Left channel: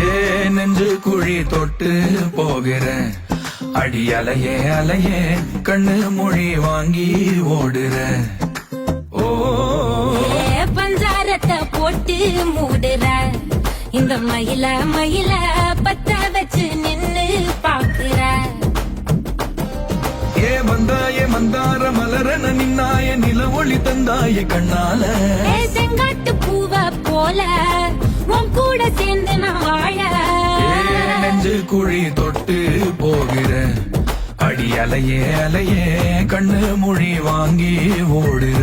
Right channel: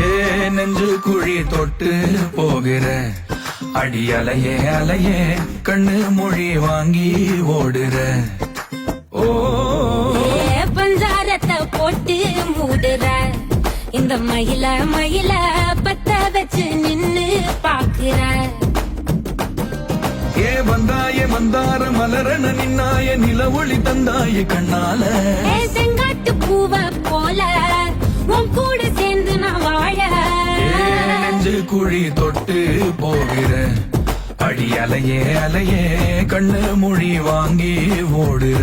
ஏ நெஞ்சு குழி தொட்டு போகிற அடி அலையே அலையே கண்ணு மொழி வாங்கி ஓடுற. ஓ பஞ்சாரத்தை போட்டு மூடுற இந்த மயில மயில பத்த வச்சு நின்னு பாக்குற. ஏ வந்தாய மந்தார மலரன நின்னாய நில ஒளி தந்தாய கண்ணால. செங்காட்டு பூவ போல உன் கூட சேர்ந்து நான் வாழ. நெஞ்சு குழி தொட்டு போகிற அடி அலையே அலையே கண்ணு மொழி வாங்கி ஓடுற.